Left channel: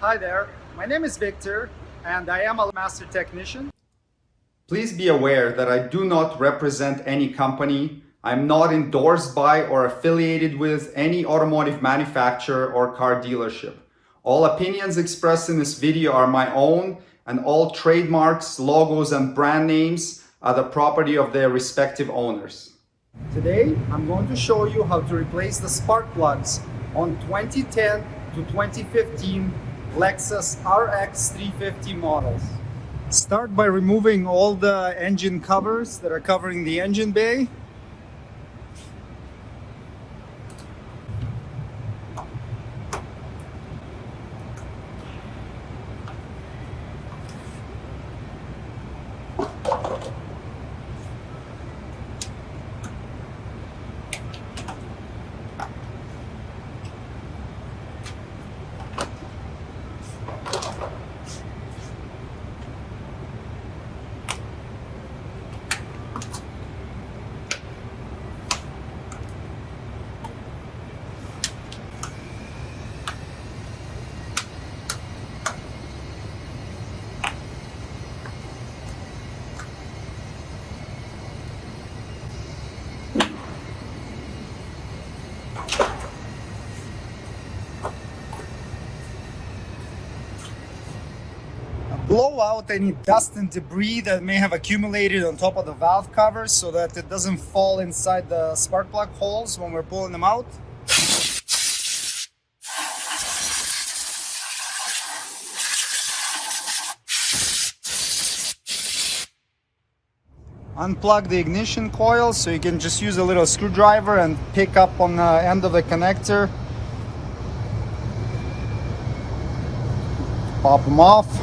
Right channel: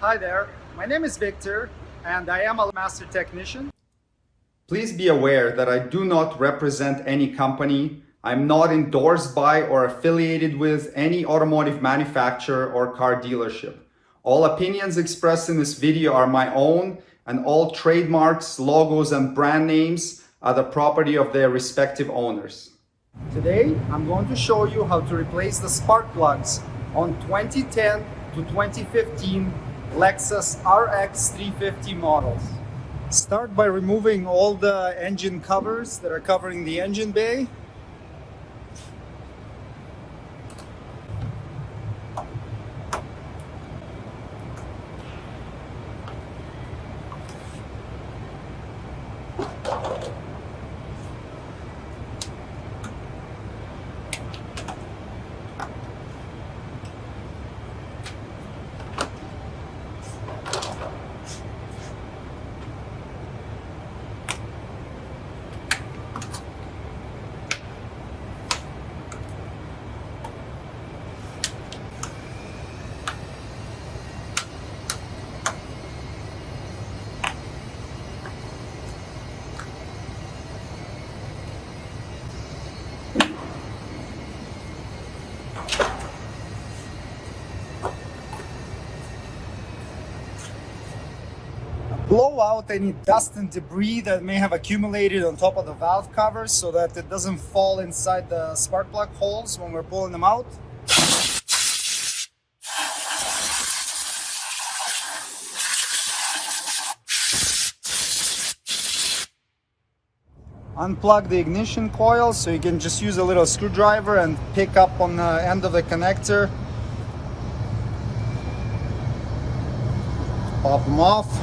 Hi there, my name is Victor and I am a master technician. Please be aware that I do not represent any company. I'm not endorsed by or affiliated with any automotive manufacturer or car dealership. All opinions expressed in this video are my own, and all trademarks, logos, and brand names are the property of their respective owners. Today I'm going to show you how to replace the spark plugs on 2010 to 2015 Lexus RX350 models. Start by removing all the engine covers that are covering the engine bay. Blow out any dust and debris that may have accumulated on top of the valve covers so that it doesn't fall inside the spark plug holes when we're pulling them out. Unplug the ignition coil so you can just use a little screwdriver and pick up on the end of the connector. Pop them off.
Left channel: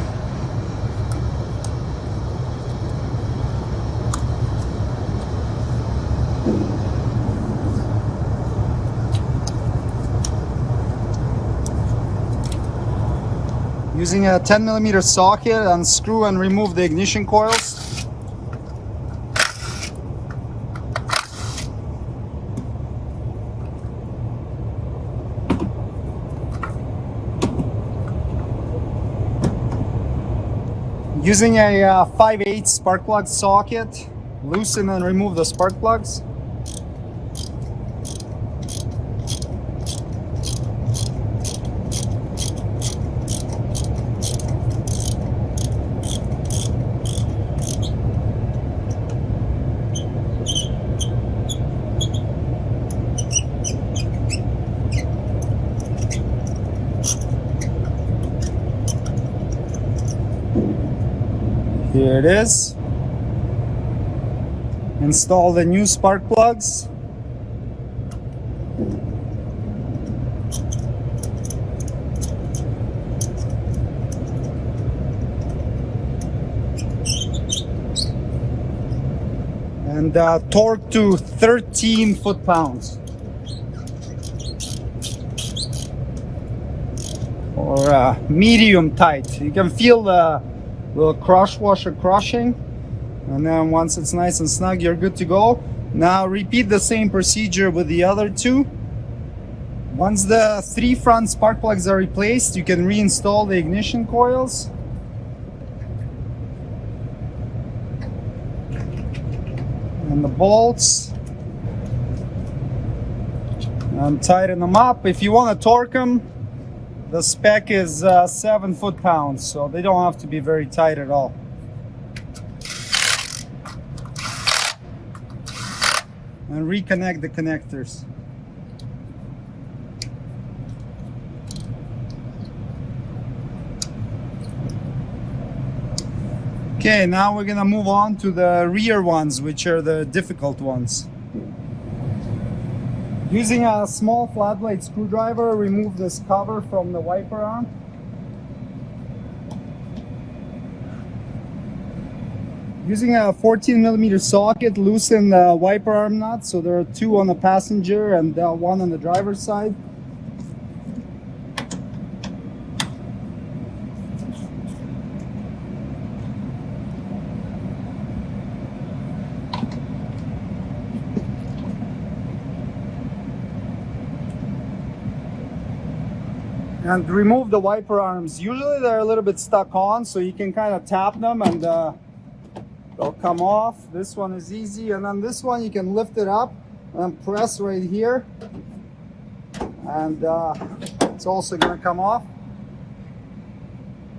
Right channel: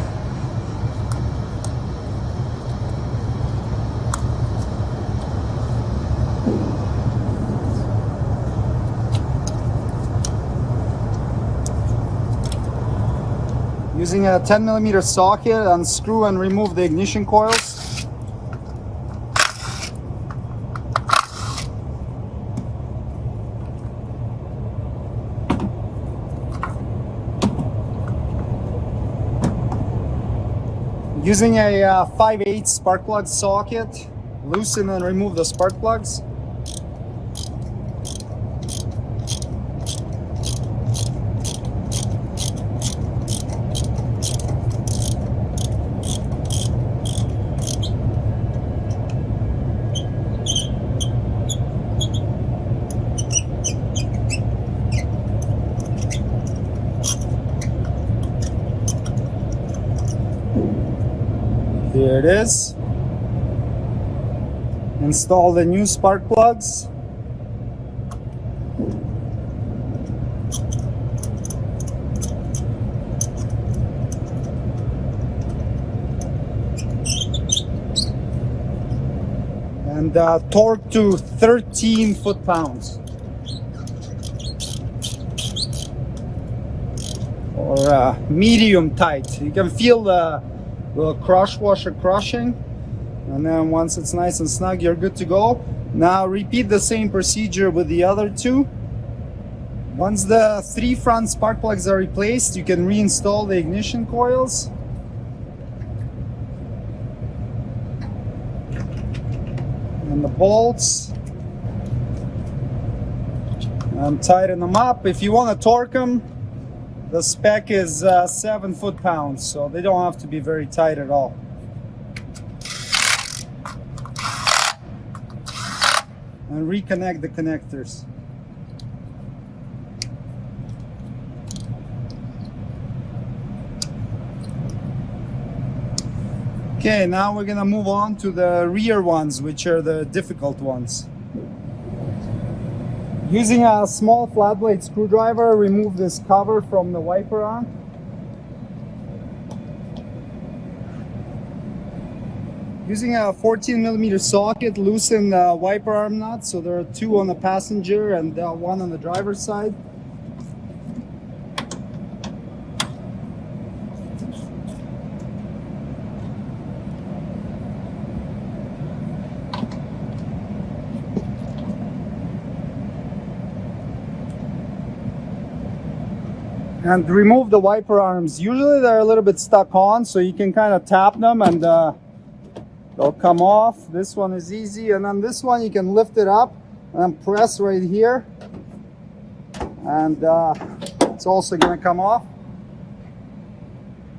Using a 10mm socket, unscrew and remove the ignition coils. Using a 5/8 spark plug socket, loosen and remove the spark plugs. Here it is. Install the new spark plugs. And torque to 13 foot-pounds. Or medium tight. You can feel the little crush washer crushing, and then once it's nice and snug, you're good to go. Now repeat the same procedure with the other two. Once the 3 front spark plugs are replaced, you can reinstall the ignition coils. And the bolts. And tighten them up. If you want to torque them, the spec is 7 foot-pounds, so they don't have to be very tight at all. And reconnect the connectors. Okay, now we're gonna move on to the rear ones, which are the difficult ones. Using a small flat blade screwdriver, remove this cover from the wiper arm. Using a 14mm socket, loosen the wiper arm nuts. So there are 2 on the passenger and 1 on the driver's side. and remove the wiper arms. Usually they're a little bit stuck on, so you can kind of tap them and they'll come off. This one is easy, and then this one you can lift it up and press right here, and it's also going to come off.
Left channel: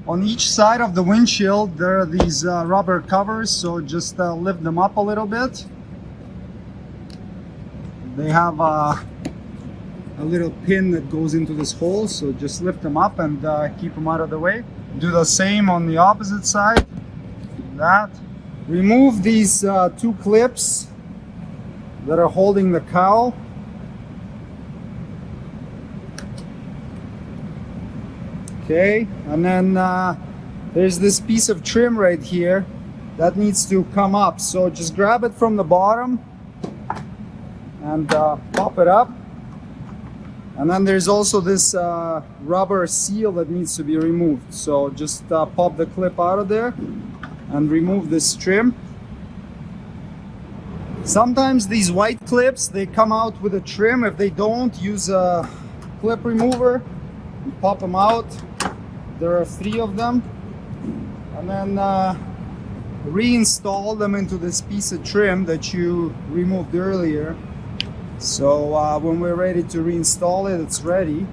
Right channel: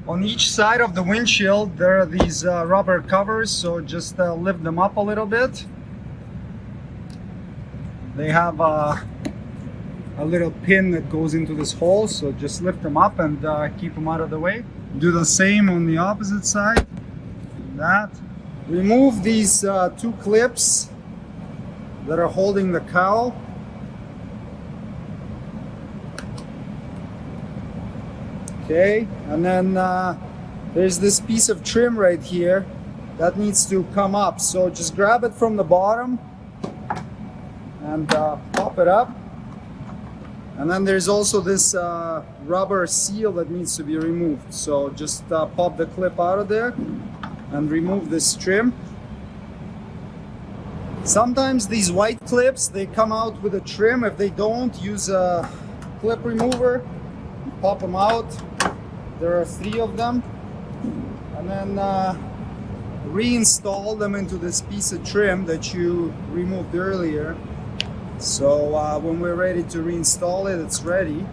On each side of the windshield there are these rubber covers, so just lift them up a little bit. They have a little pin that goes into this hole, so just lift them up and keep them out of the way. Do the same on the opposite side. That. Remove these two clips that are holding the cowl. Okay, and then there's this piece of trim right here that needs to come up. So just grab it from the bottom and pop it up. And then there's also this rubber seal that needs to be removed. So just pop the clip out of there and remove this trim. Sometimes these white clips, they come out with a trim. If they don't, use a clip remover. You pop them out. There are 3 of them. And then reinstall them into this piece of trim that you removed earlier. So when we're ready to reinstall it, it's ready.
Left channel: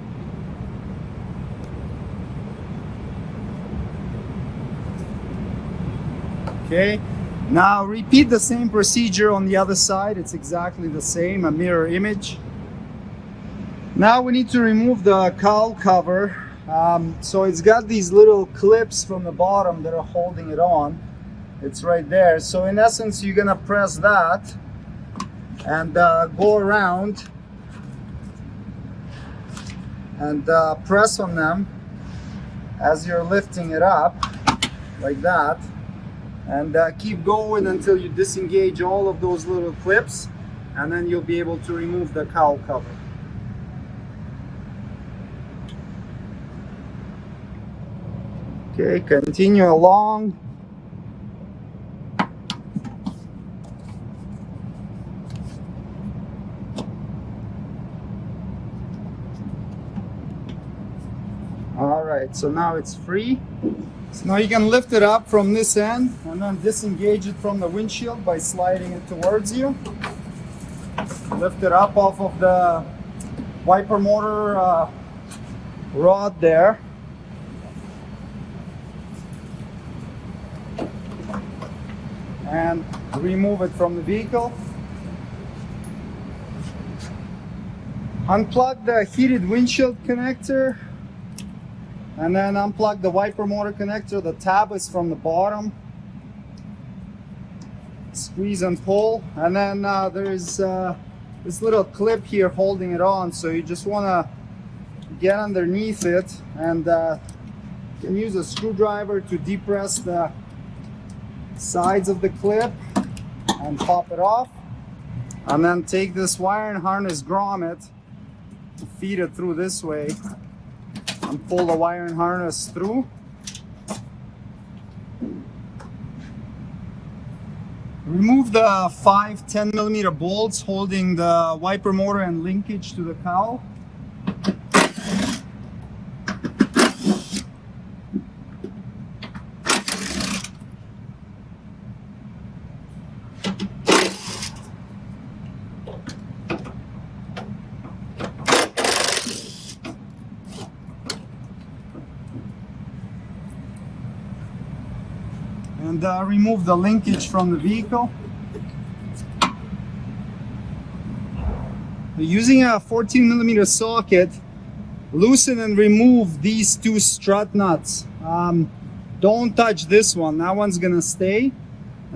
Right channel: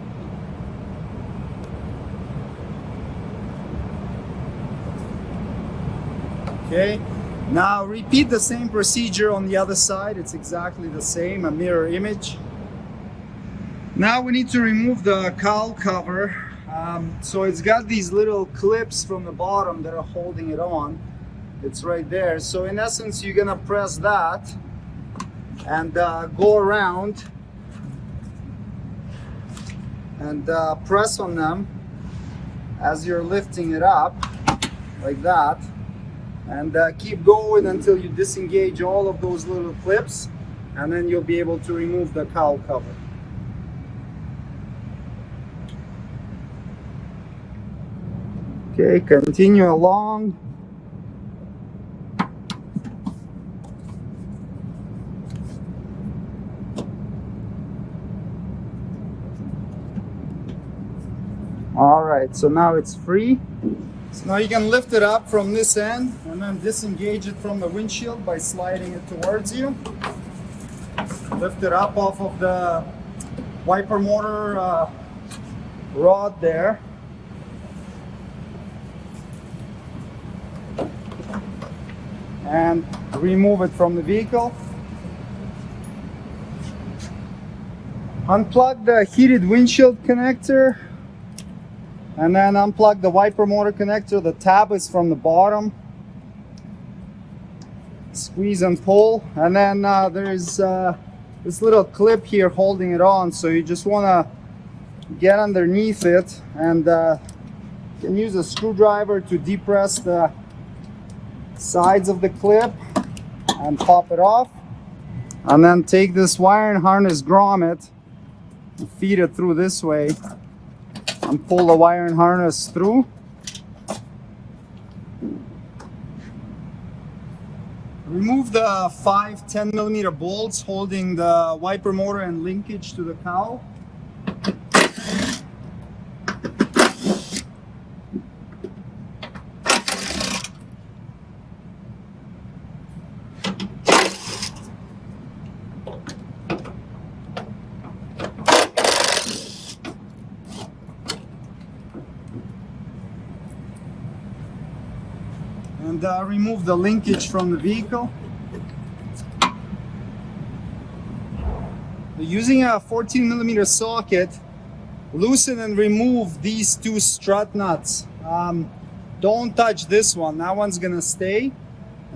Okay, now repeat the same procedure on the other side. It's exactly the same, a mirror image. Now we need to remove the cowl cover. So it's got these little clips from the bottom that are holding it on. It's right there. So in essence, you're gonna press that and go around and press on them as you're lifting it up, like that, and keep going until you disengage all of those little clips, and then you'll be able to remove the cowl cover. Okay, continue along. Alright, so now it's free. So now you can lift it up from this end and then disengage it from the windshield by sliding it towards you. Lift it up off of the wiper motor rod there. And remove it from the vehicle. Unplug the heated windshield connector. And then unplug the wiper motor connector. The tab is from the bottom. Squeeze and pull. And then there's this little clip here holding it on. So you just want to get underneath it. And you can use a screwdriver to depress the sides of the clip and pop it off. And then take this wire and harness grommet and feed it through this way. And pull the wire and harness through. Remove the 5 10mm bolts holding the wiper motor and linkage to the cowl. And remove the linkage from the vehicle. Using a 14mm socket, loosen and remove these 2 strut nuts. Don't touch this one, that one's gonna stay,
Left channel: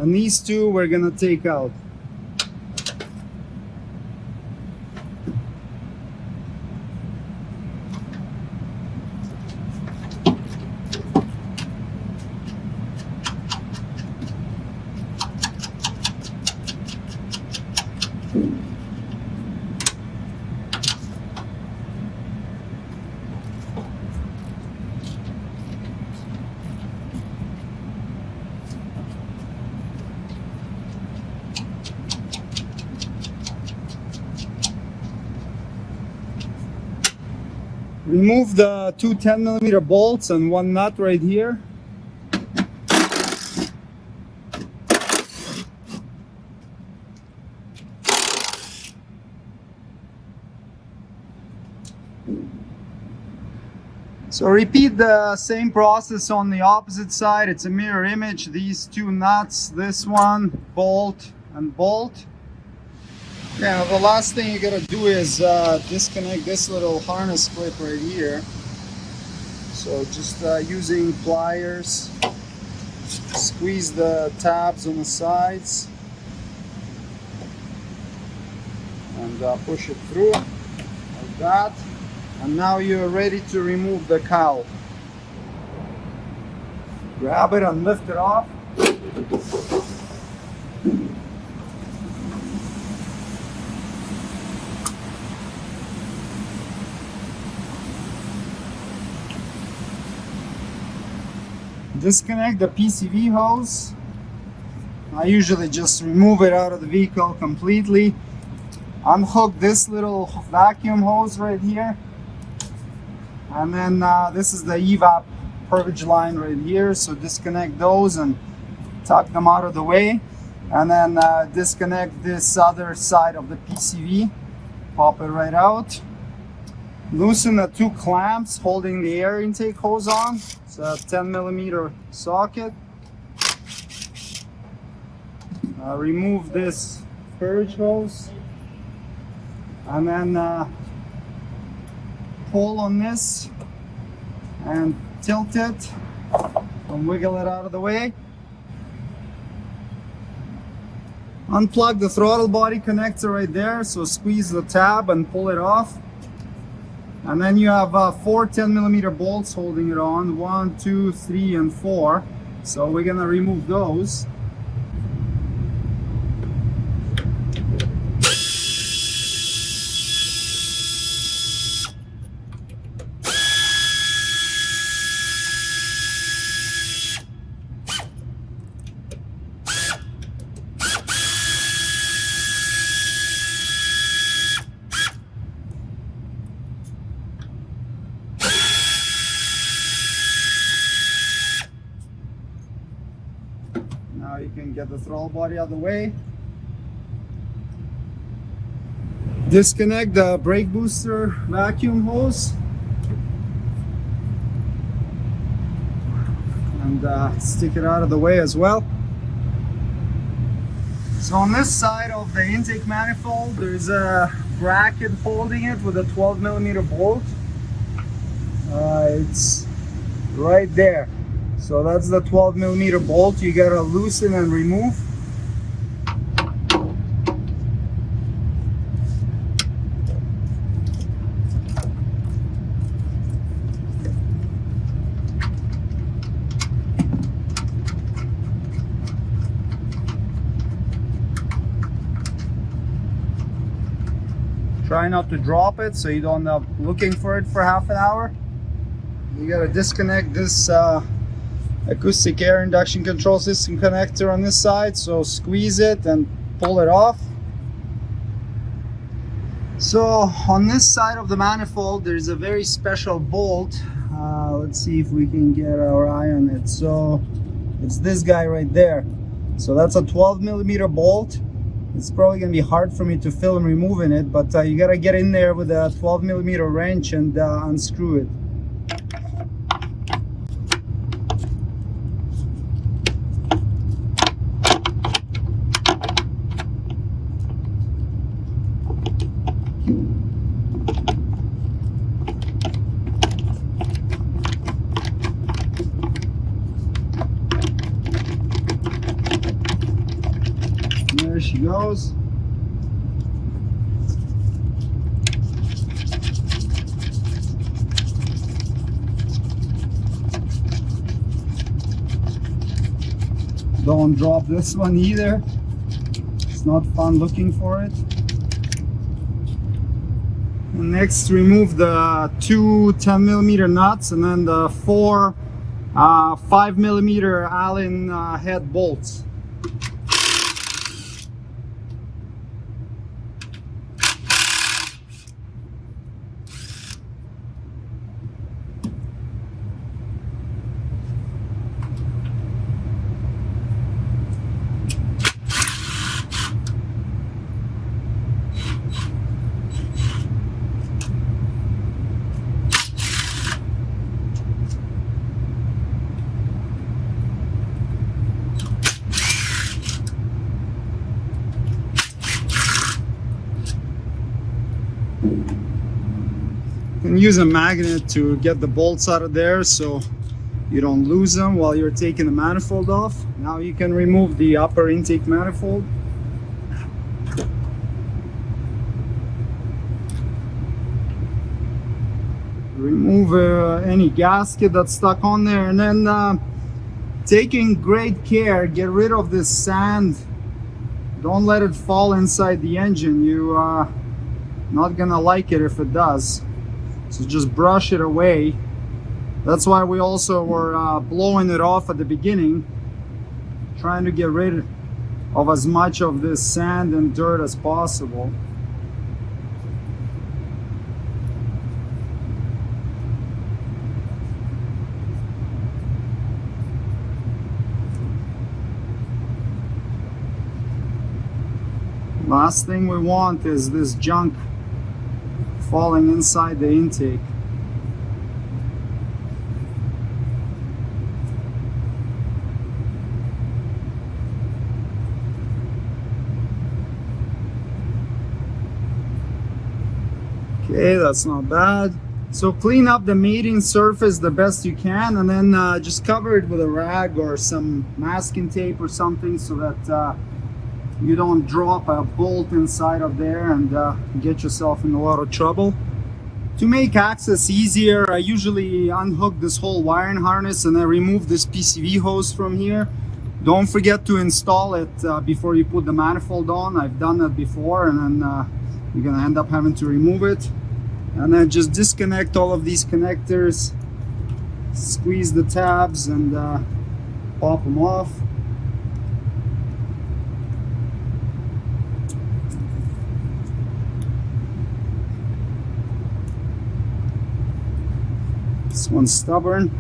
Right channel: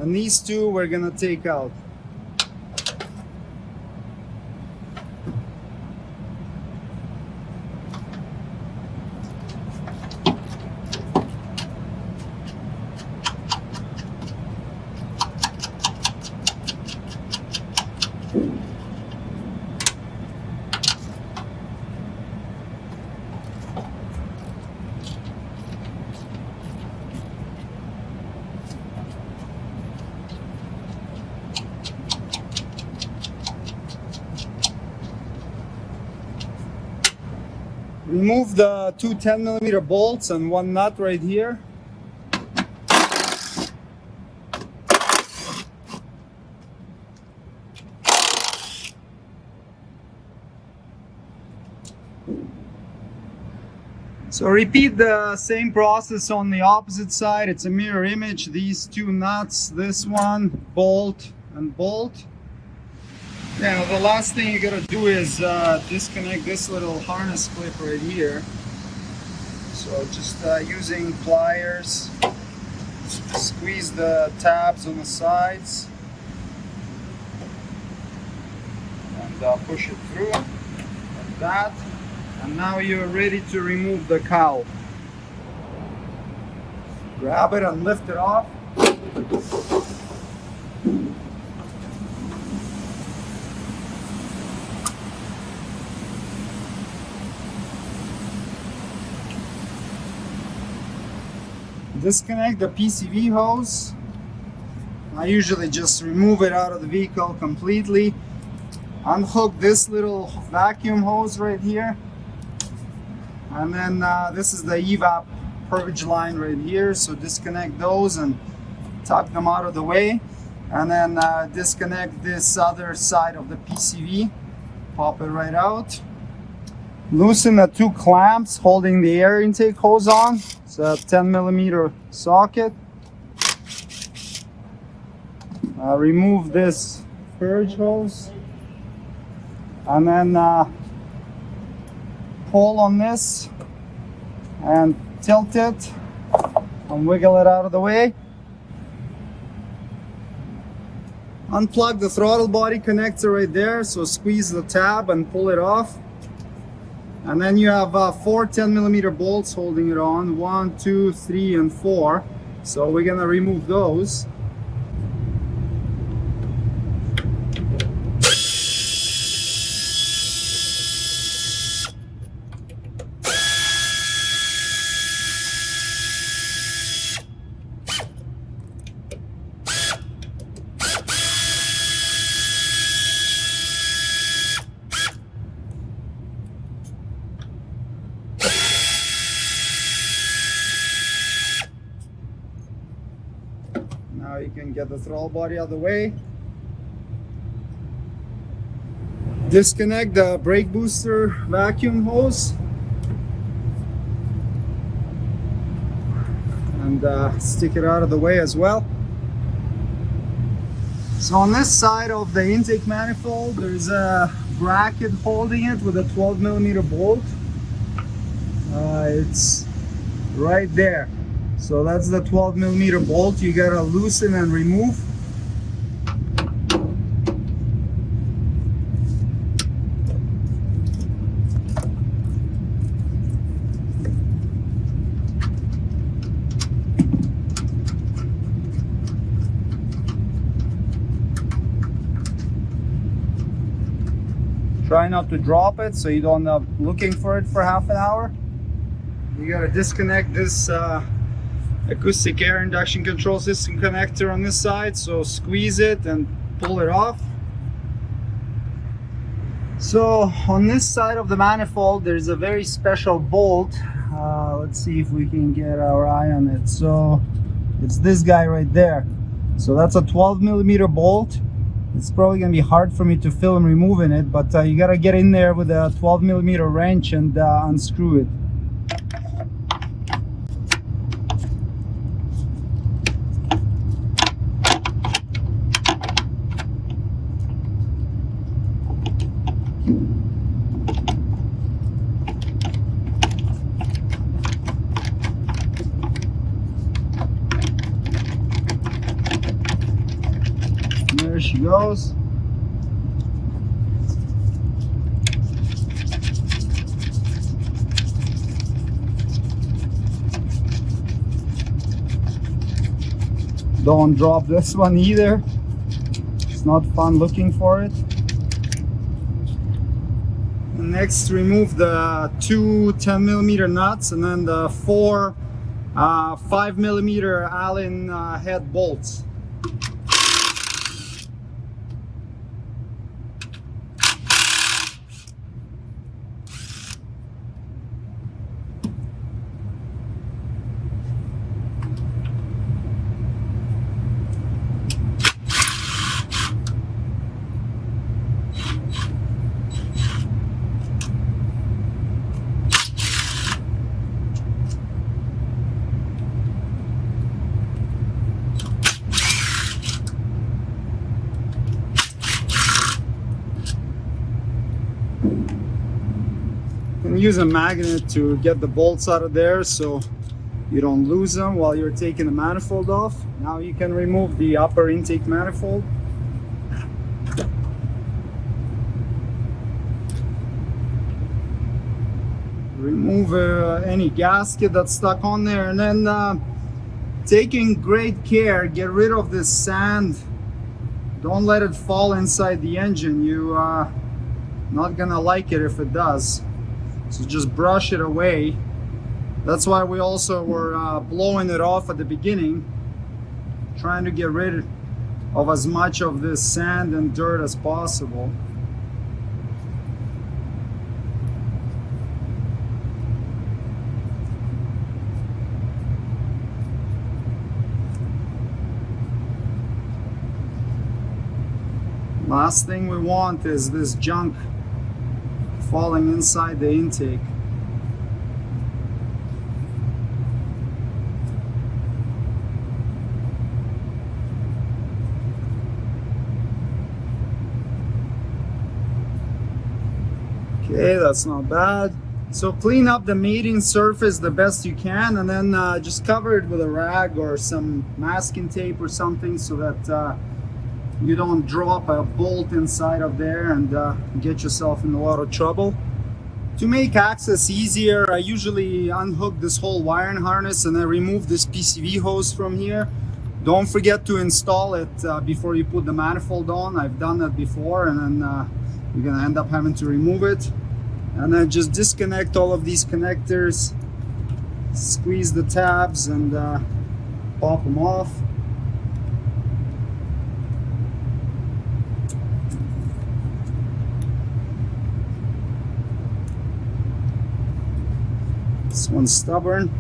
and these 2 we're gonna take out. Remove the two 10mm bolts and one nut right here. So repeat the same process on the opposite side. It's a mirror image. These two nuts, this one, bolt and bolt. Yeah, the last thing you gotta do is disconnect this little harness clip right here. So just using pliers, squeeze the tabs on the sides and push it through like that. And now you're ready to remove the cowl. Grab it and lift it off. Disconnect the PCV hose. I usually just remove it out of the vehicle completely. Unhook this little vacuum hose right here. And then this is the evap purge line right here. So disconnect those and tuck them out of the way. And then disconnect this other side of the PCV. Pop it right out. Loosen the two clamps holding the air intake hose on. It's a 10mm socket. Remove this purge hose. And then pull on this and tilt it and wiggle it out of the way. Unplug the throttle body connector right there, so squeeze the tab and pull it off. And then you have four 10mm bolts holding it on, 1, 2, 3, and 4. So we're gonna remove those. Now you can get the throttle body out of the way. Disconnect the brake booster vacuum hose. And stick it out of the way as well. So on this side of the intake manifold, there's a bracket holding it with a 12mm bolt. It's right there. So that's the 12mm bolt you gotta loosen and remove. Try not to drop it so you don't end up looking for it for half an hour. You gotta disconnect this acoustic air induction control system connector on this side, so squeeze it and pull it off. So on this side of the manifold there's a very special bolt. Let's see if we can get our eye on it. So it's this guy right there. So that's a 12mm bolt. It's probably gonna be hard for me to film removing it, but you gotta get in there with a 12mm wrench and unscrew it. There she goes. Don't drop this one either. It's not fun looking for it. Next, remove the two 10mm nuts and then the four 5mm Allen head bolts. magnet to get the bolts out of there so you don't lose them while you're taking the manifold off. Now you can remove the upper intake manifold. Remove any gasket that's stuck on there, and then taking great care, get rid of this sand. Don't let it fall inside the engine. You not gonna like it if it does. So just brush it away. That's why we also were blowing it off at the beginning, trying to get rid of as much of this sand and dirt as possible. Last thing we want is this junk falling inside the intake. Okay, that's not bad. So clean up the mating surface the best you can, and then just cover it with a rag or some masking tape or something so that you don't drop a bolt inside of there and get yourself in a lot of trouble. To make access easier, I usually unhook this whole wiring harness and then remove this PCV hose from here. Don't forget to install it before you put the manifold on. I've done that before, and then you're gonna end up having to remove it. And then just disconnect all of these connectors, squeeze the tabs, and pop them off. This one's stubborn.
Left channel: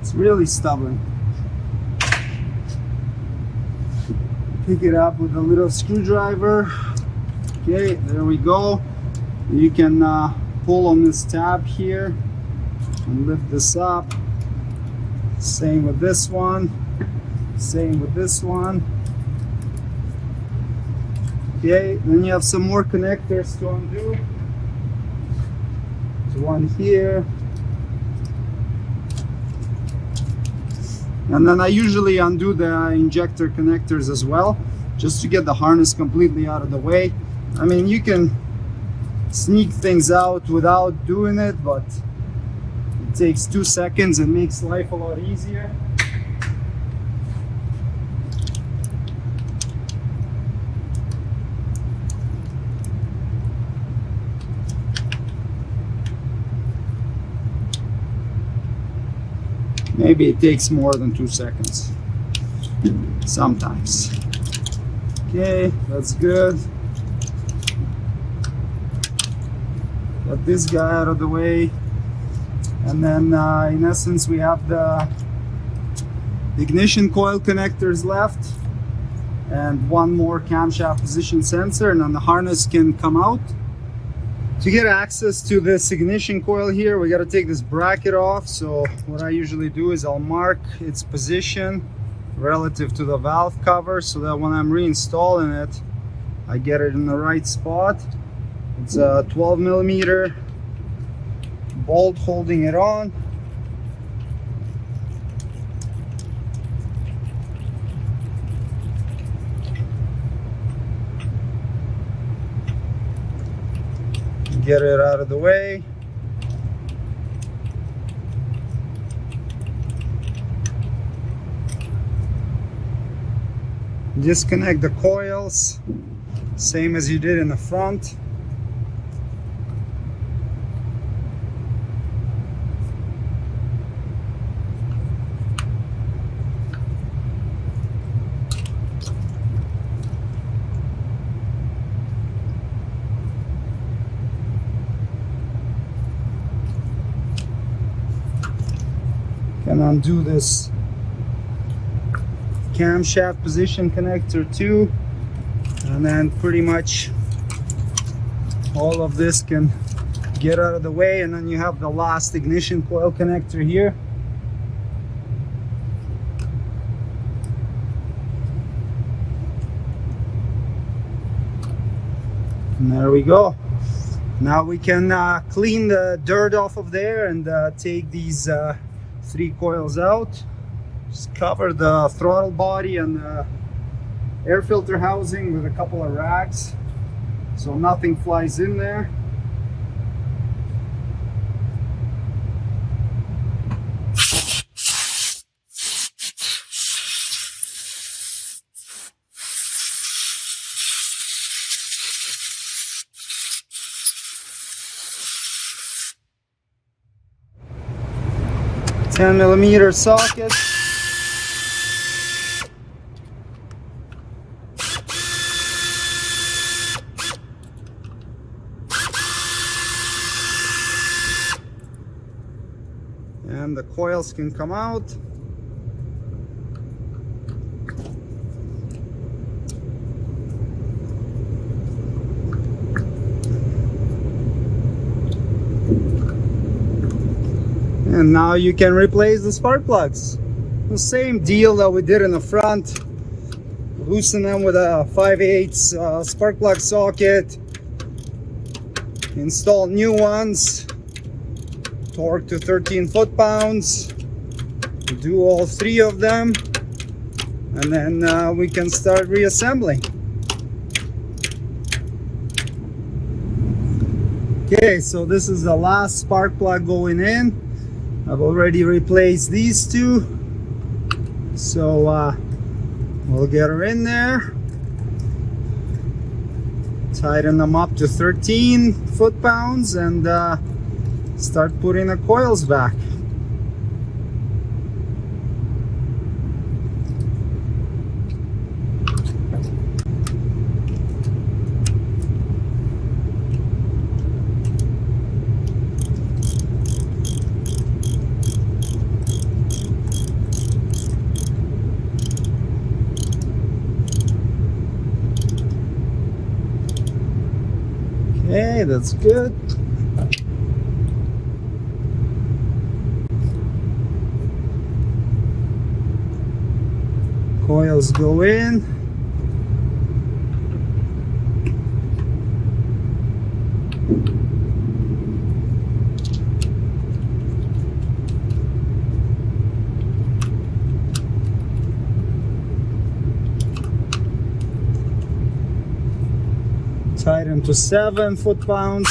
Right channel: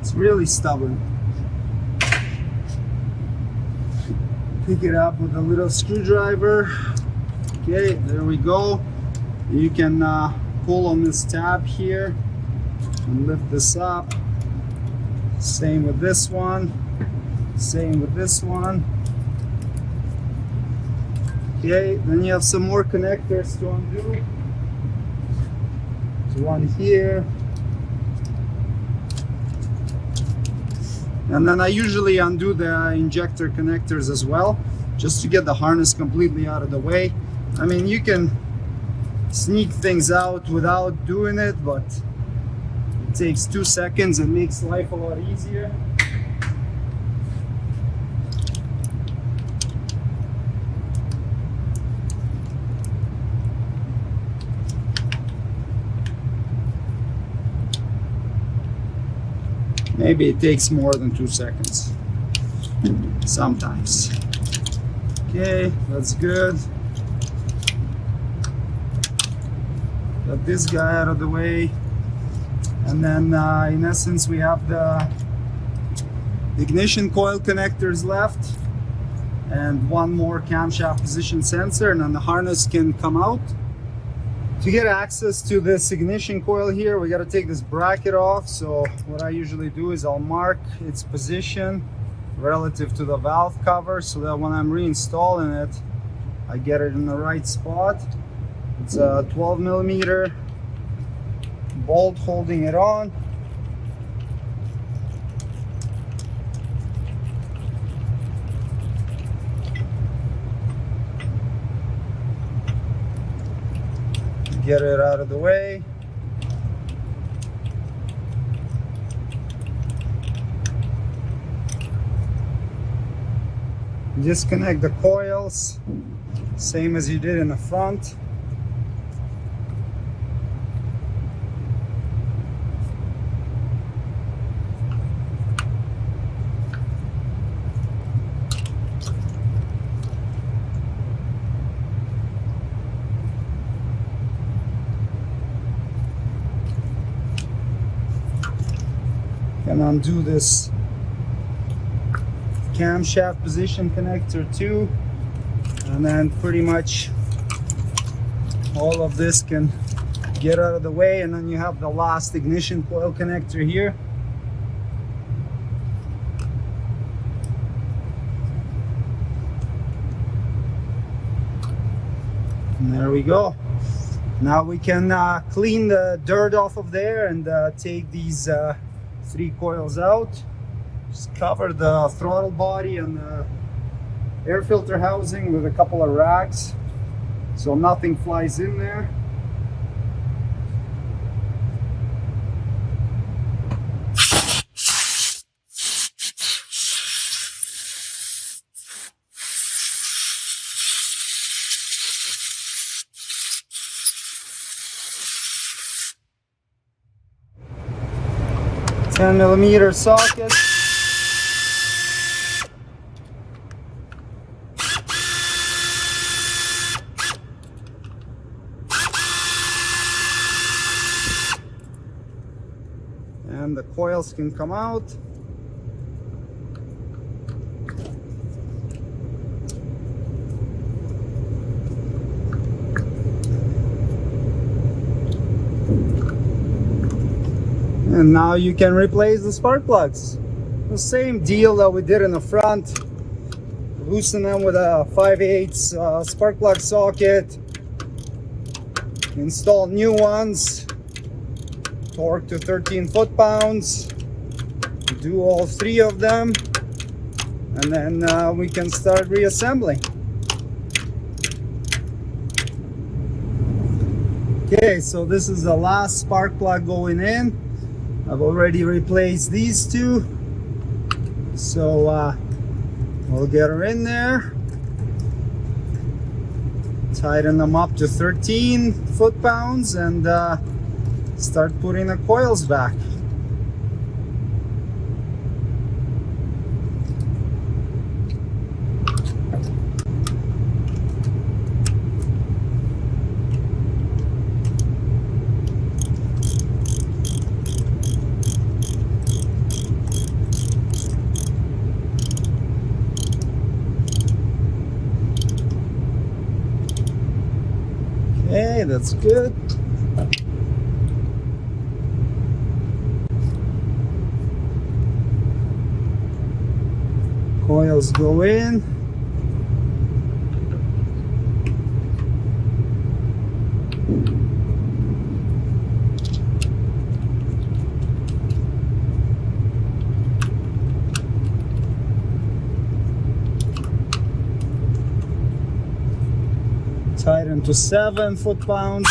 It's really stubborn. Pick it up with a little screwdriver. Okay, there we go. You can pull on this tab here and lift this up. Same with this one. Same with this one. Okay, then you have some more connectors to undo. There's one here. And then I usually undo the injector connectors as well, just to get the harness completely out of the way. I mean, you can sneak things out without doing it, but it takes 2 seconds and makes life a lot easier. Maybe it takes more than 2 seconds, sometimes. Okay, that's good. Got this guy out of the way. And then in essence, we have the ignition coil connectors left and one more camshaft position sensor, and then the harness can come out. To get access to this ignition coil here, we got to take this bracket off. So what I usually do is I'll mark its position relative to the valve cover so that when I'm reinstalling it, I get it in the right spot. It's a 12mm bolt holding it on. Get it out of the way. Disconnect the coils, same as you did in the front. do this camshaft position connector too, and then pretty much all of this can get out of the way, and then you have the last ignition coil connector here. And there we go. Now we can clean the dirt off of there and take these 3 coils out. Just cover the throttle body and the air filter housing with a couple of rags so nothing flies in there. $10mm socket. And the coils can come out. And now you can replace the spark plugs. The same deal that we did in the front. Loosen them with a 5/8 spark plug socket. Install new ones. Torque to 13 foot-pounds. Do all 3 of them. And then we can start reassembling. Okay, so this is the last spark plug going in. I've already replaced these 2, so we'll get her in there, tighten them up to 13 foot-pounds, and start putting the coils back. Okay, that's good. Coils go in. Tighten to 7 foot-pounds.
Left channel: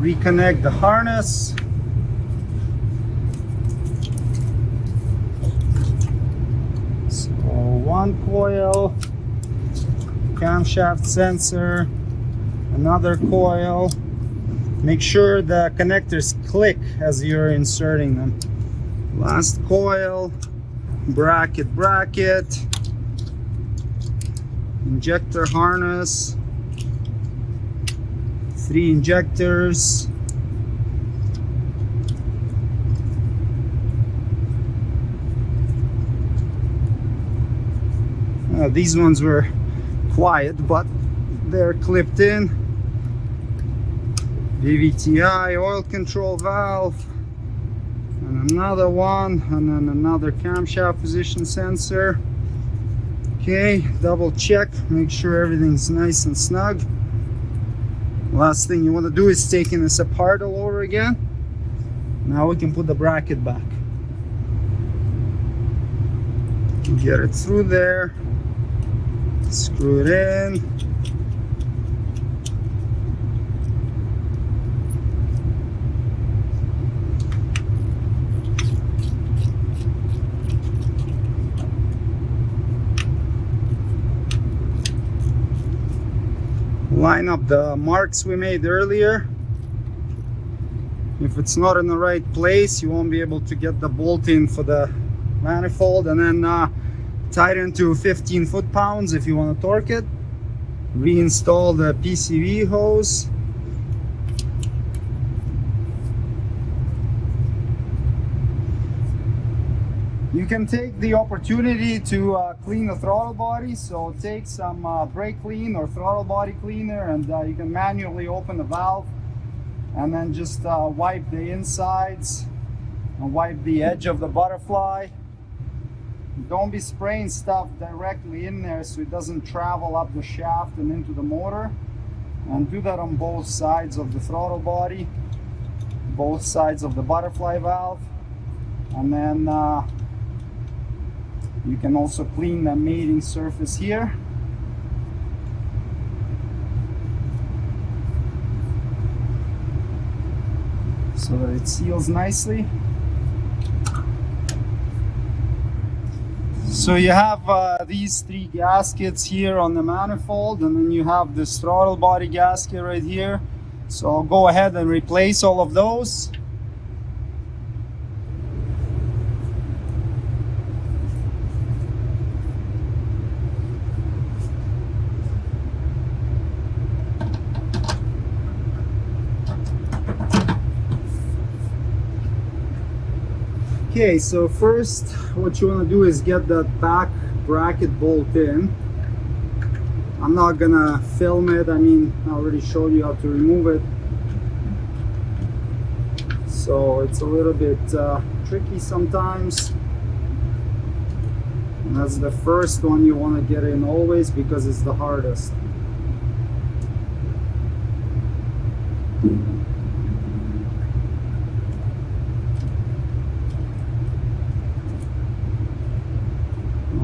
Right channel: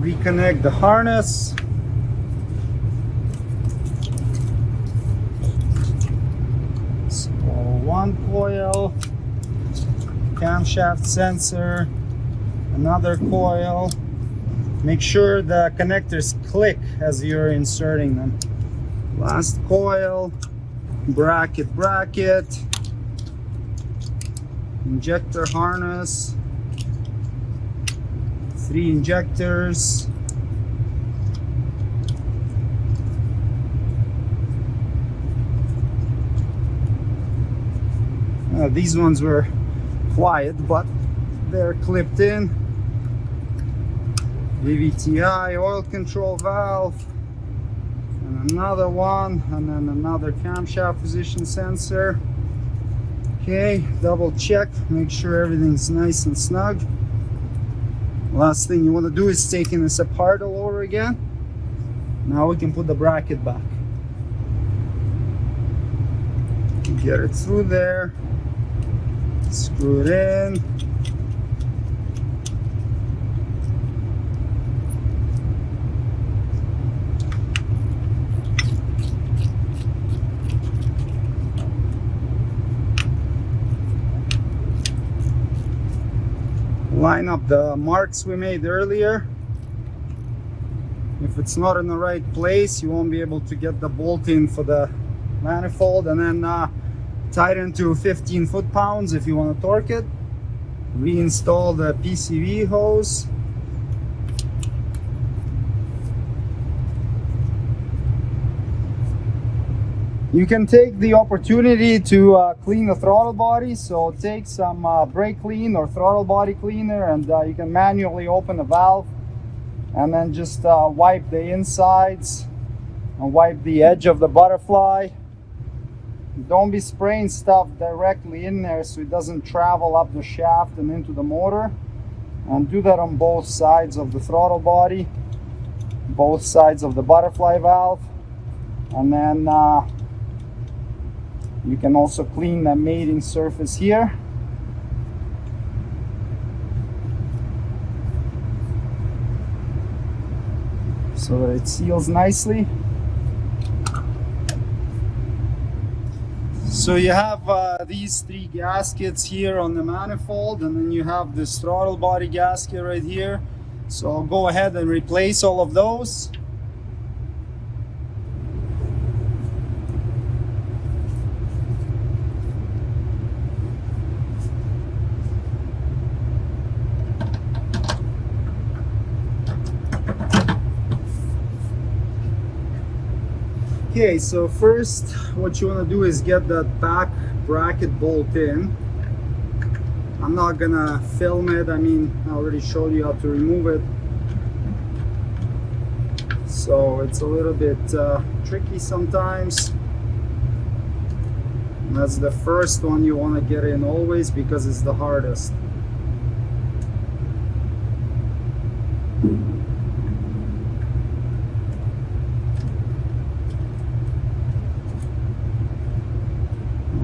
Reconnect the harness. So 1 coil, camshaft sensor, another coil. Make sure the connectors click as you're inserting them. Last coil, bracket, injector harness, 3 injectors. These ones were quiet, but they're clipped in. VVTI, oil control valve, and another one, and then another camshaft position sensor. Okay, double check, make sure everything's nice and snug. Last thing you want to do is taking this apart all over again. Now we can put the bracket back. Get it through there, screw it in. Line up the marks we made earlier. If it's not in the right place, you won't be able to get the bolt in for the manifold, and then tighten to 15 foot-pounds if you want to torque it. Reinstall the PCV hose. You can take the opportunity to clean the throttle body, so take some brake clean or throttle body cleaner, and you can manually open the valve and then just wipe the insides and wipe the edge of the butterfly. Don't be spraying stuff directly in there so it doesn't travel up the shaft and into the motor. And do that on both sides of the throttle body, both sides of the butterfly valve, and then you can also clean the mating surface here. So that it seals nicely. So you have these three gaskets here on the manifold, and then you have this throttle body gasket right here. So I'll go ahead and replace all of those. Okay, so first what you want to do is get that back bracket bolt in. I'm not gonna film it, I mean, I already showed you how to remove it. So it's a little bit tricky sometimes. And that's the first one you want to get in always because it's the hardest.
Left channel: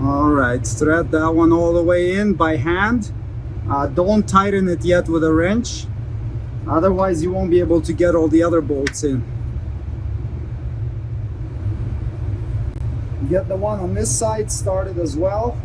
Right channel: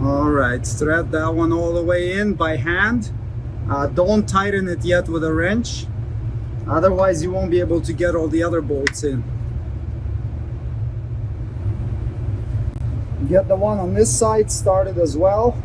Alright, thread that one all the way in by hand. Don't tighten it yet with a wrench, otherwise you won't be able to get all the other bolts in. Get the one on this side started as well.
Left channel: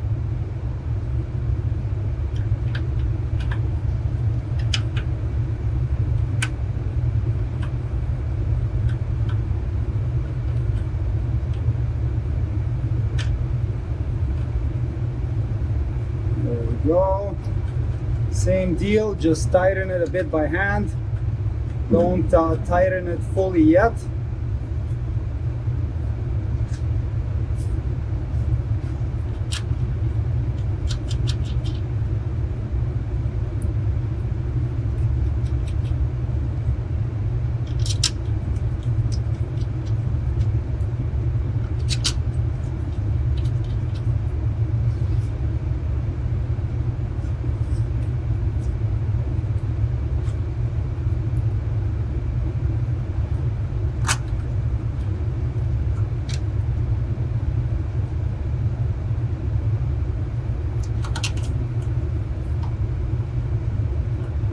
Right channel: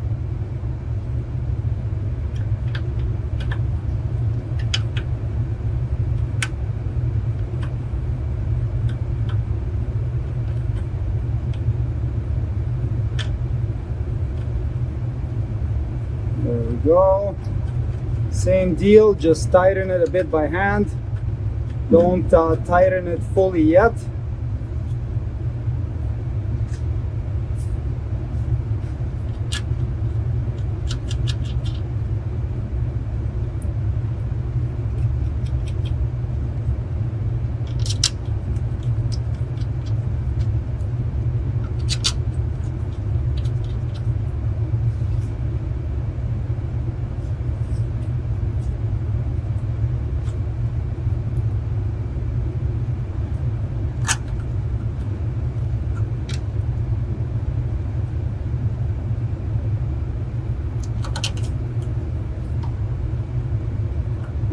There we go. Same deal, just tighten it a bit by hand. Don't tighten it fully yet.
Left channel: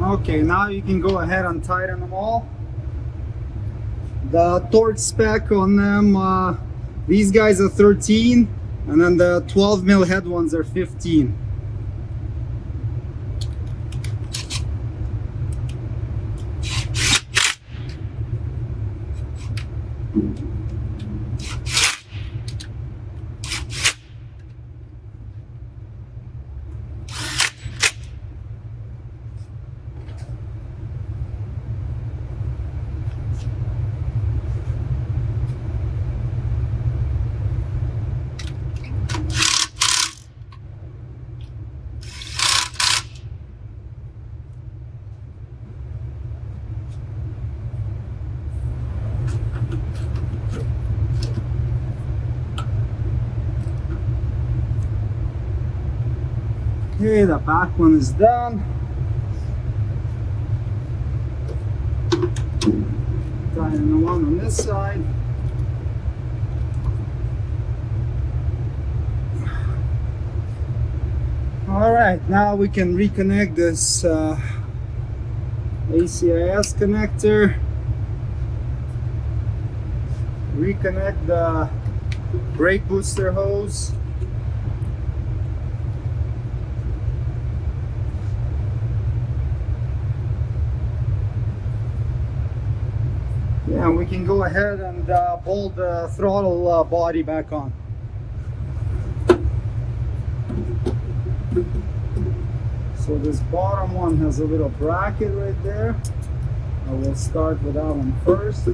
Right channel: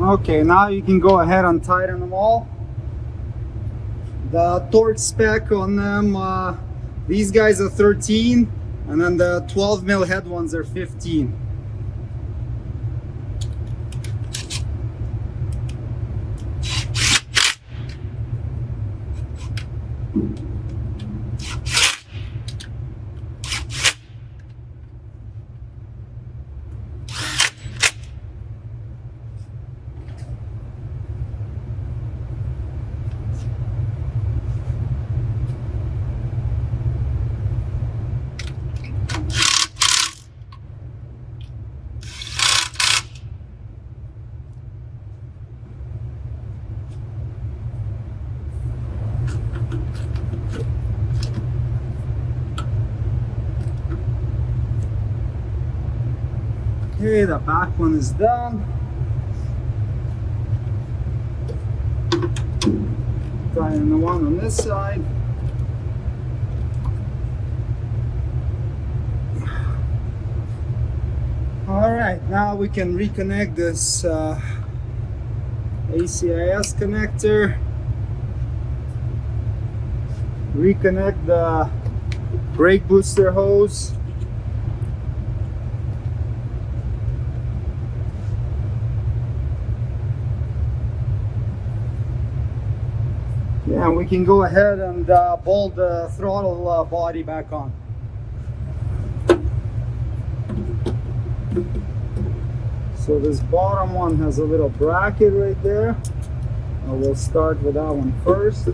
Okay, now you can go ahead and tighten them all. The torque spec on them, these guys are 13, and then the 12 mil head ones are 15. Okay, the back one is done. Tighten the one on this side. Alright, now we can reconnect this ACIS connector. Reconnect the brake booster hose. Yeah, we can go ahead and bolt the throttle body back on. So this bottom one has a little bracket right there. I will start with that one first.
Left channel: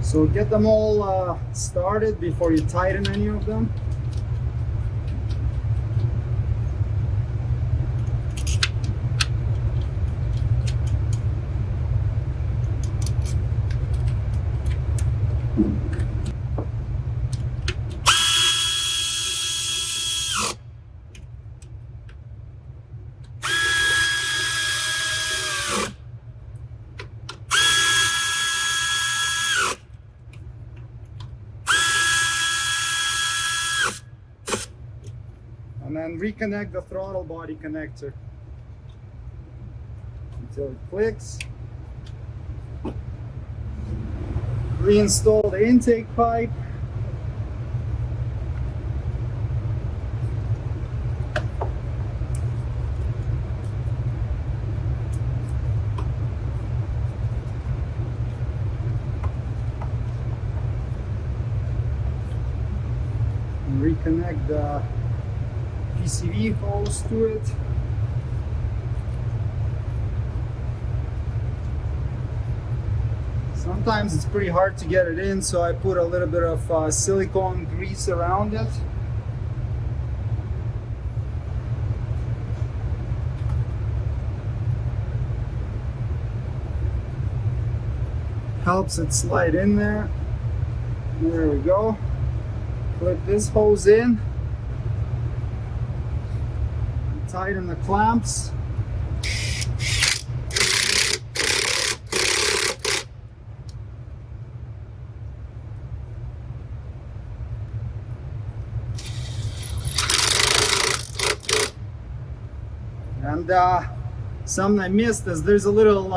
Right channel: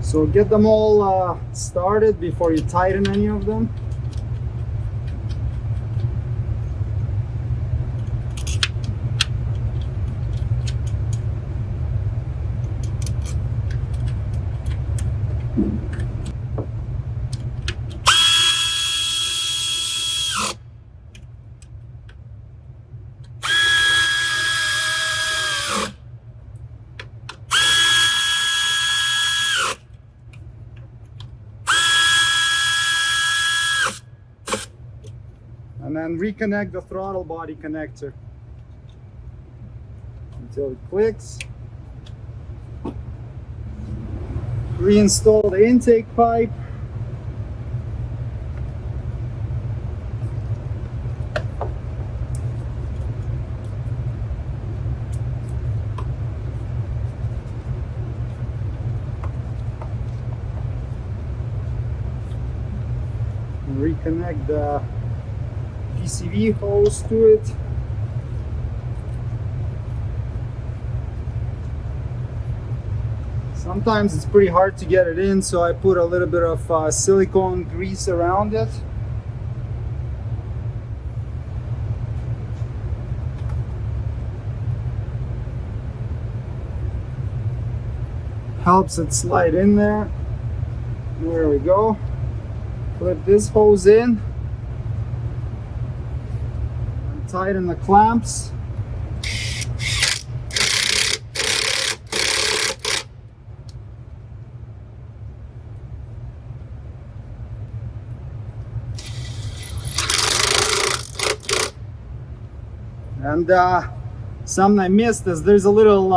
So get them all started before you tighten any of them. And then reconnect the throttle body connector until it clicks. Reinstall the intake pipe. And reconnect the PCV hose to it. Sometimes it's pretty hard to get it in, so I put a little bit of silicone grease around it. Helps it slide in there. There we go. Clip this hose in. Tighten the clamps. And something I missed is there's a little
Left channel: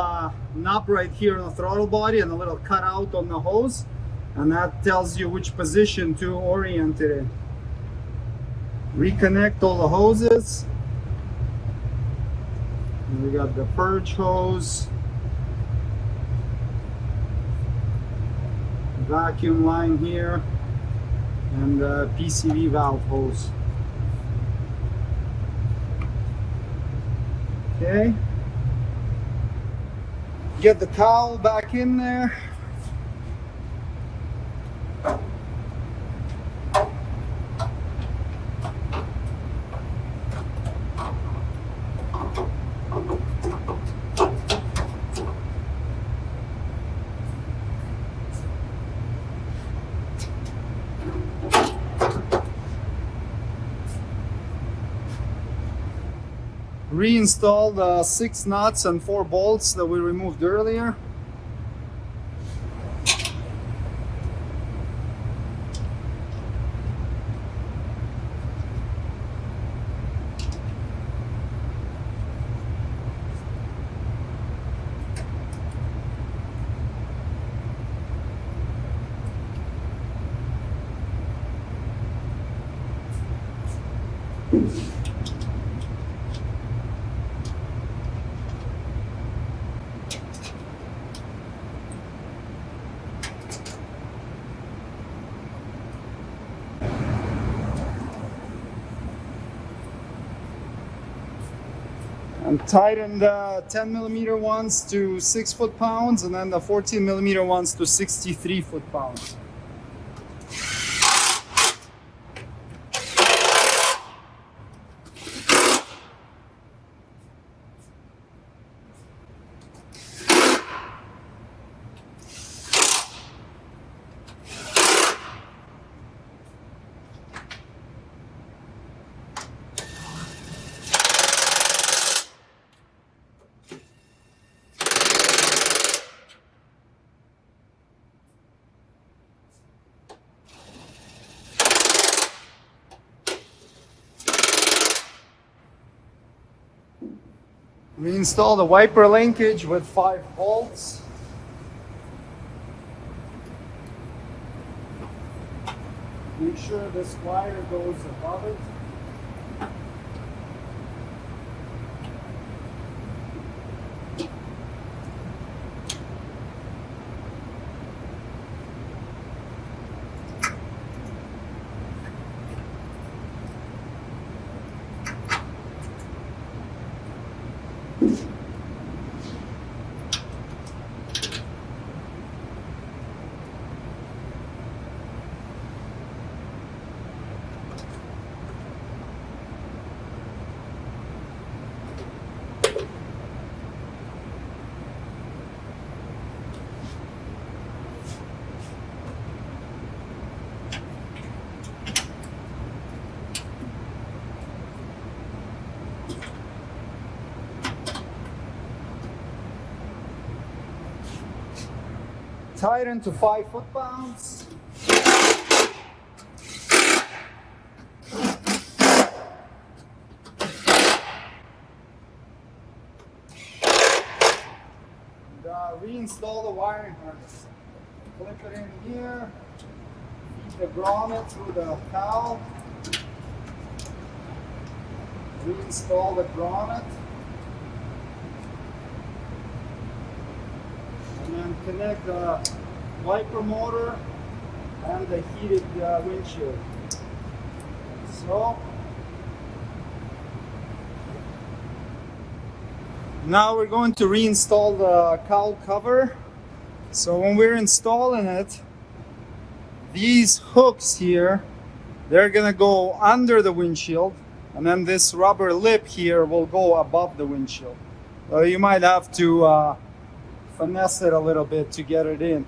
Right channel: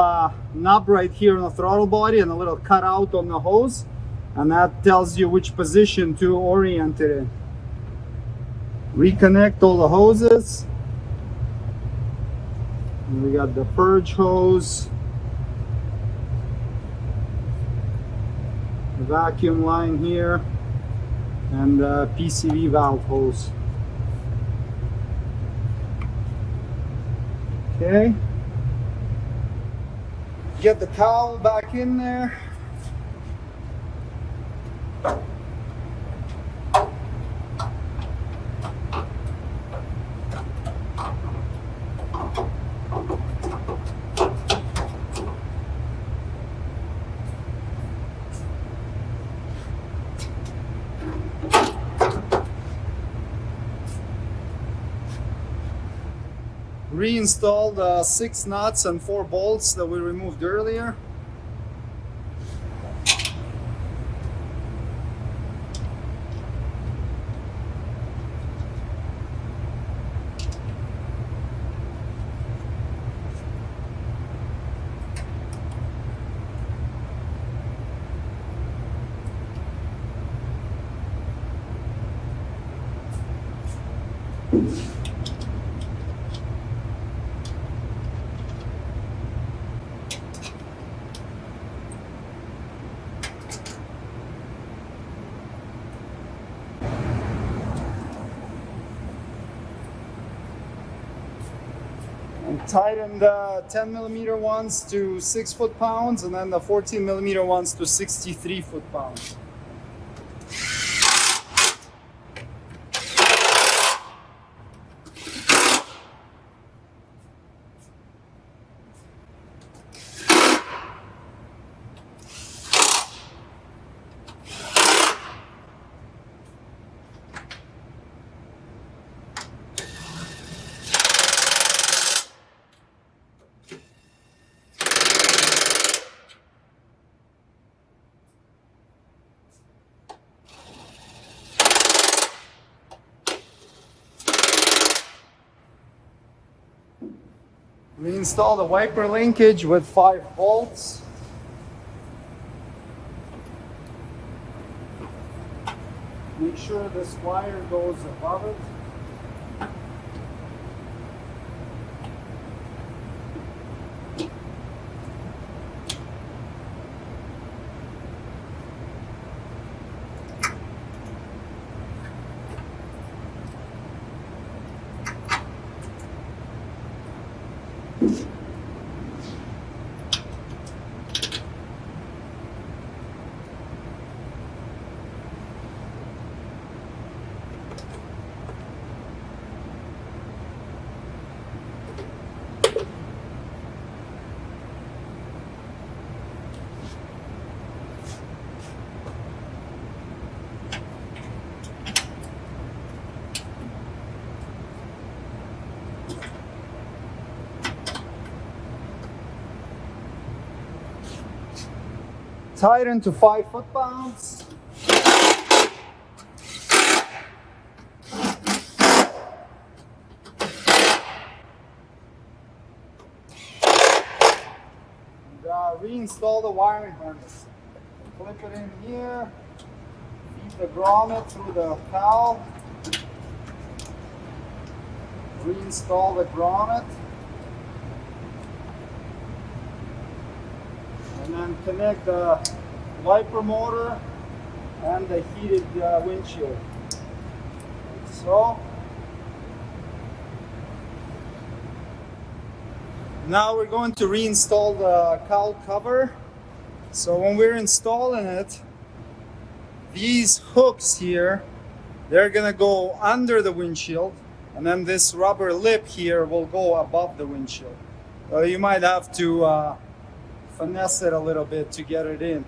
knob right here on the throttle body and a little cutout on the hose, and that tells you which position to orient it in. Reconnect all the hoses. And we got the purge hose, the vacuum line here, and the PCV valve hose. Okay. Get the cowl back in there. Reinstall the 6 nuts and 4 bolts that we removed earlier. And tighten the 10mm ones to 6 foot-pounds and then the 14mm ones to 63 foot-pounds. We install the wiper linkage with 5 bolts. making sure this wire goes above it. Tighten to 5 foot-pounds. Reinstall the wiring harness. Clip it in here. Feed the grommet through the cowl. Reinstall the grommet. And then connect the wiper motor and the heated windshield. So now we're going to reinstall the cowl cover. So when we're installing it, these hooks here, they're gonna go under the windshield, and then this rubber lip here will go above the windshield. So you might have to finesse it a little bit to get it in.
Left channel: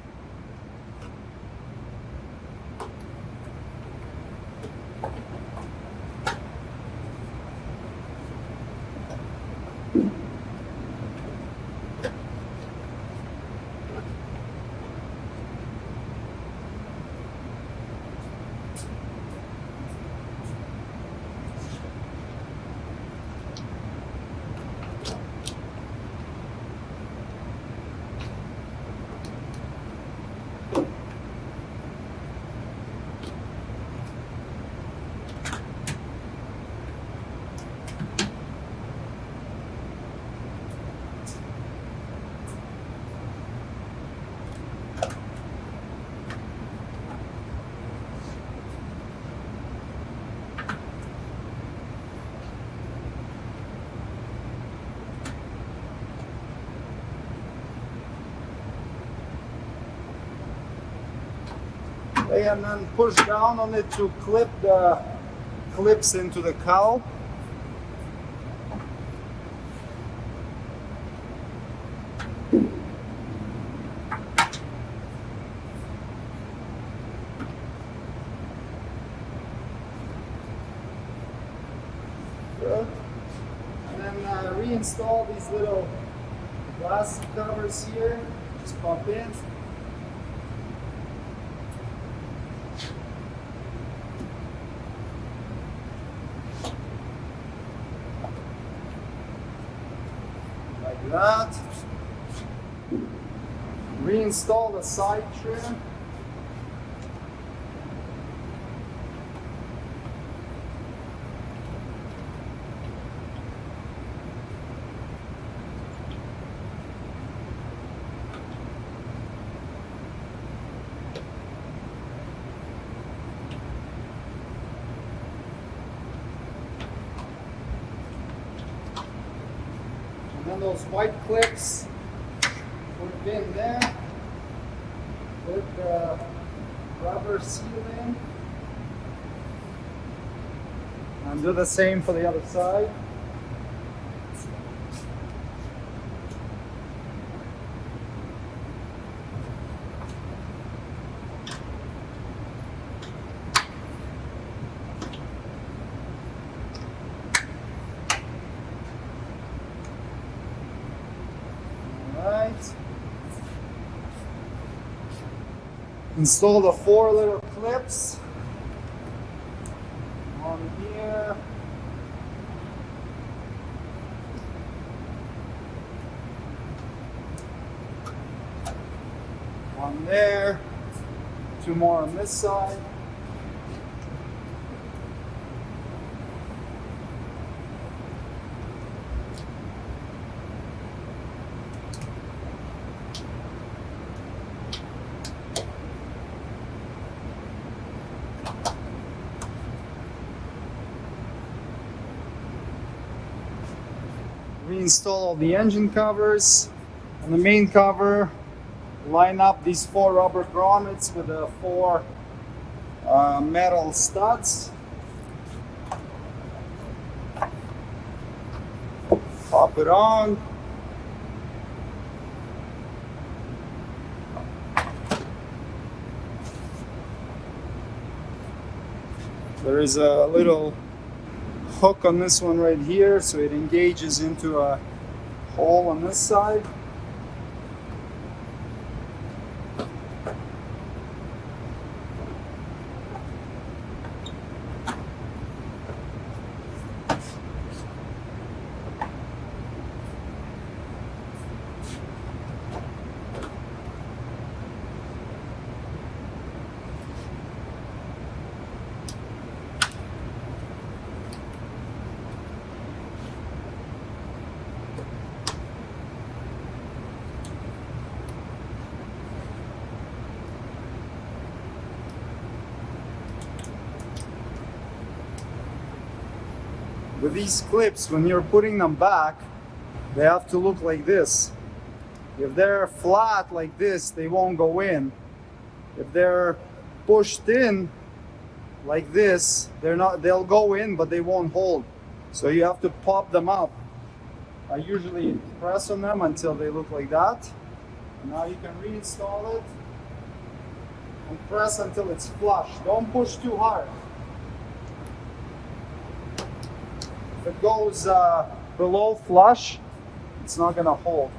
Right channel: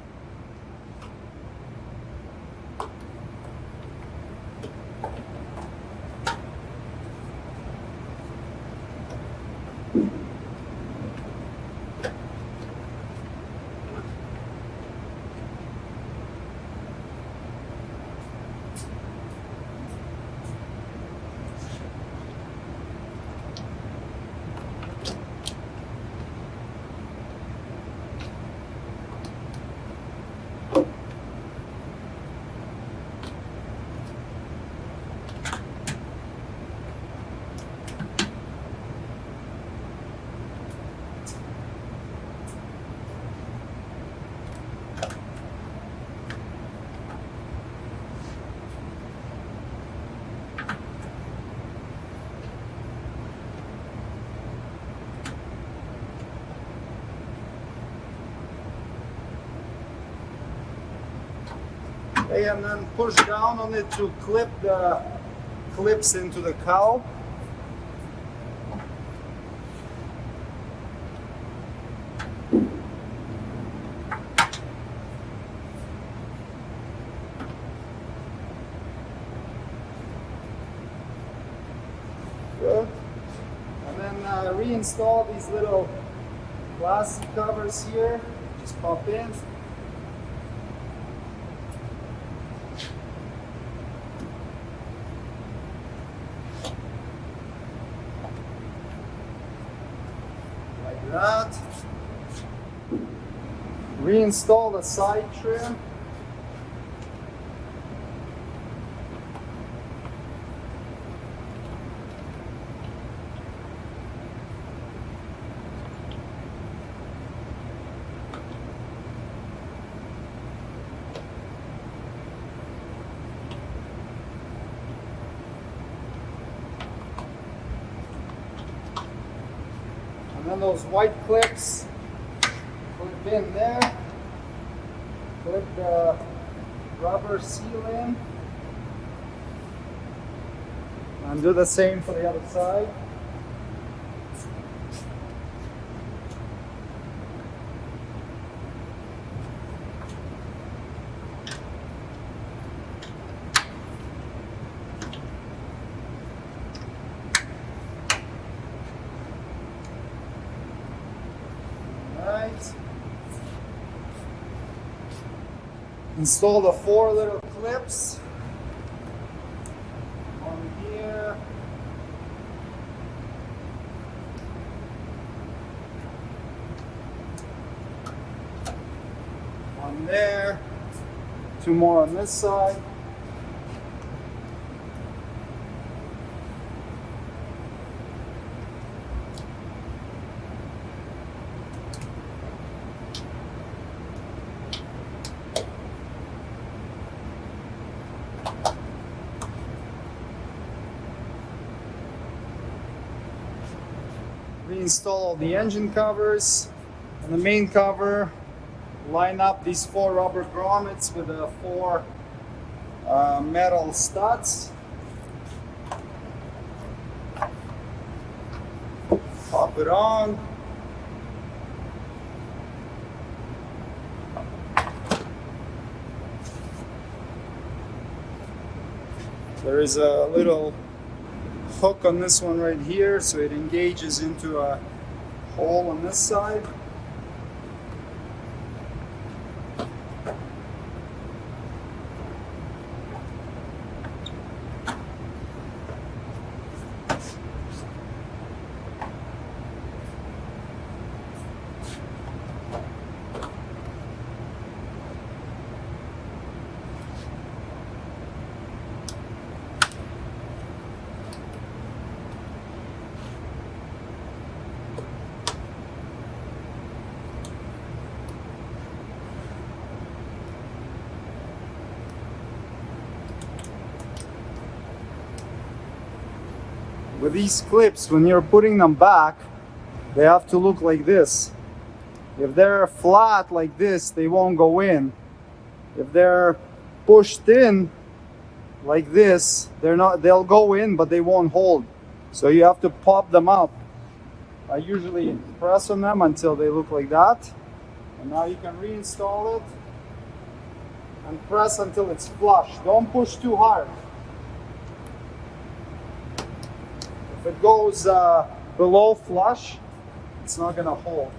And then push down on it to clip the clips into the cowl. Good. And then reinstall these little plastic covers here. Just pop in. That. Reinstall the side trim. And then those white clips, put in there, put the rubber seal in, and do the same for the other side. Install the 4 little clips on here. One there. 2 more on this side. reinstall the engine covers and the main cover. Line up these 4 rubber grommets with the 4 metal studs. Pop it on. There is a little hook on this one right here, so it engages into a hole on this side. With these clips, when you're putting them back, they have to look like this. If they're flat like this, they won't go in. If they're pushed in like this, they'll go in, but they won't hold. So you have to pop them up. I usually press on them until they look like that. And now you can reinstall it and press until it's flush. Don't push too hard. If it goes below flush, it's not gonna hold.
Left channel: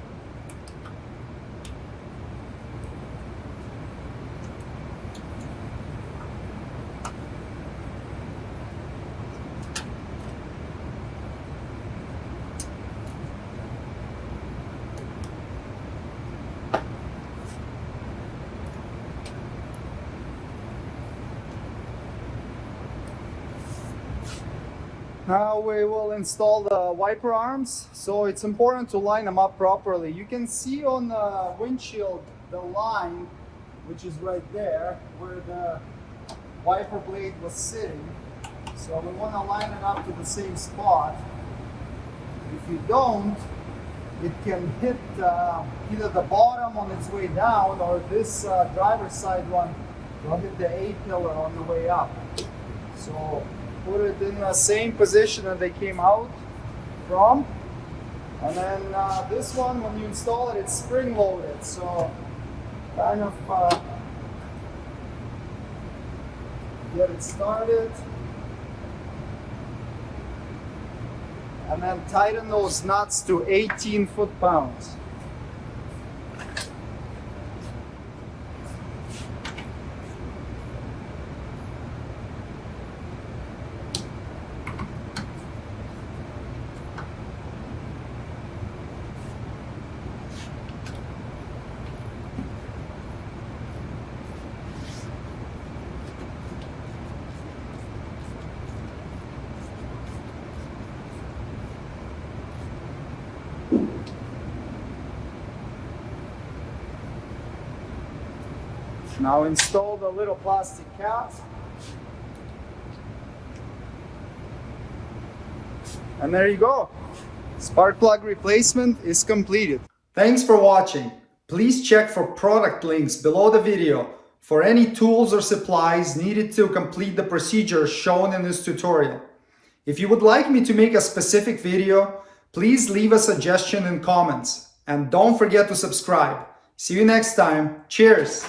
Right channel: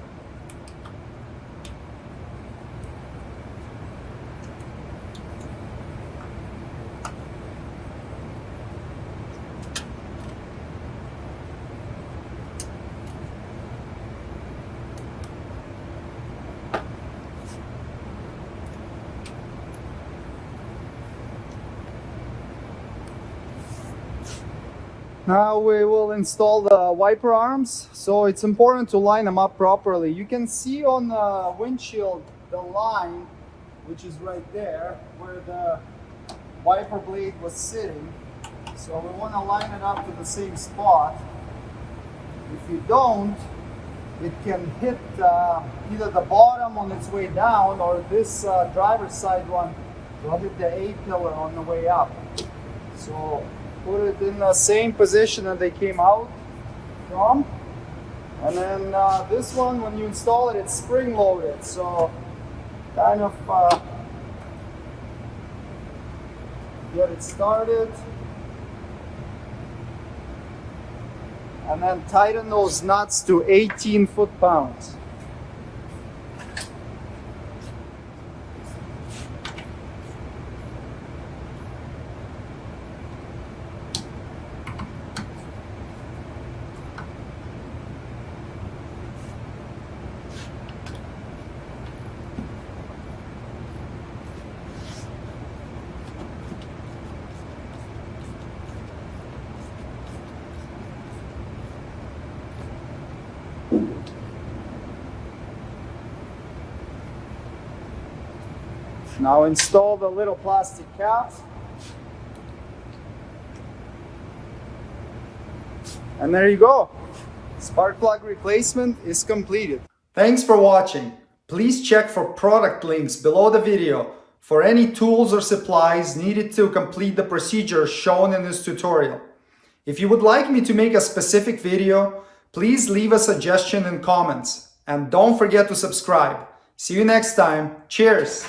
Now we will install the wiper arms, so it's important to line them up properly. You can see on the windshield the line, which is right there, where the wiper blade was sitting. So we want to line it up to the same spot. If you don't, it can hit either the bottom on its way down, or this driver's side one will hit the A-pillar on the way up. So put it in the same position that they came out from. And then this one, when you install it, it's spring loaded. So kind of get it started. And then tighten those nuts to 18 foot-pounds. Now install the little plastic cap. And there you go. Spark plug replacement is completed. Thanks for watching. Please check for product links below the video for any tools or supplies needed to complete the procedure shown in this tutorial. If you would like me to make a specific video, please leave a suggestion in comments. And don't forget to subscribe. See you next time. Cheers!